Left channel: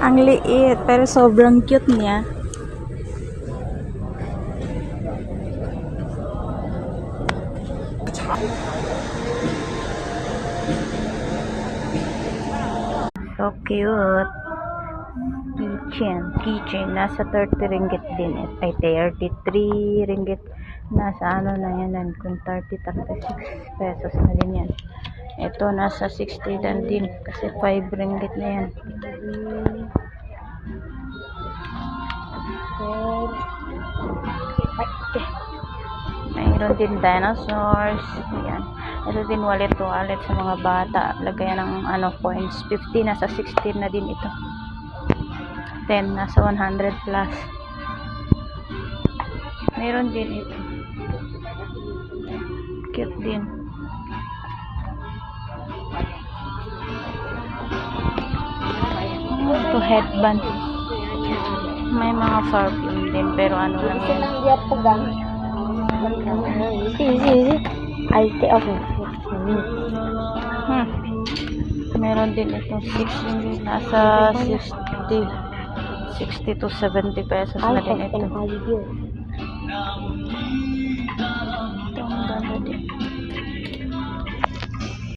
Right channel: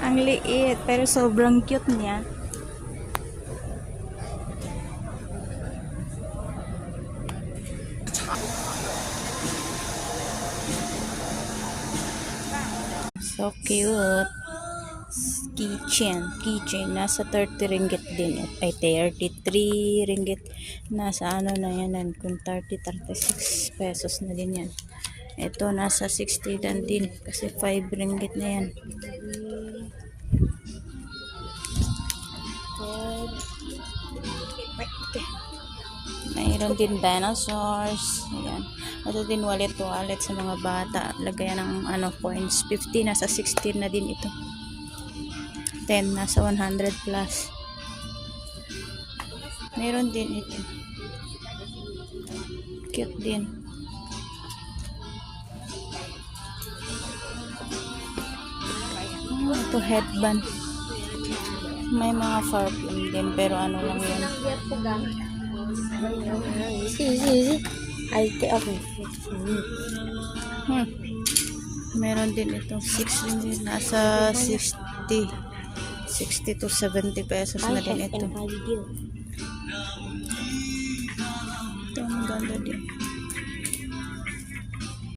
Ang liit, pero sobrang cute niya. So cute. Keychain. Nasa 30 ringgit din. Ay, 33 ringgit. Nasa ano na yan. Kung 36 pesos na din yan. Ito, nasa 60 dan din. Kasi 5 ringgit na yan. Mayroon din dinosaurs. Yan. Ito din wallet sa mga bata. Lagayan ng coins. 50 nasa 16 na din ito. 10 nasa 100 plus. Mayroon din ito. Cute din. Ito headband. May mga perfume din pero ano lang yan. Meron din ito 6 ringgit. Nasa 60 to 70 pesos na din ito.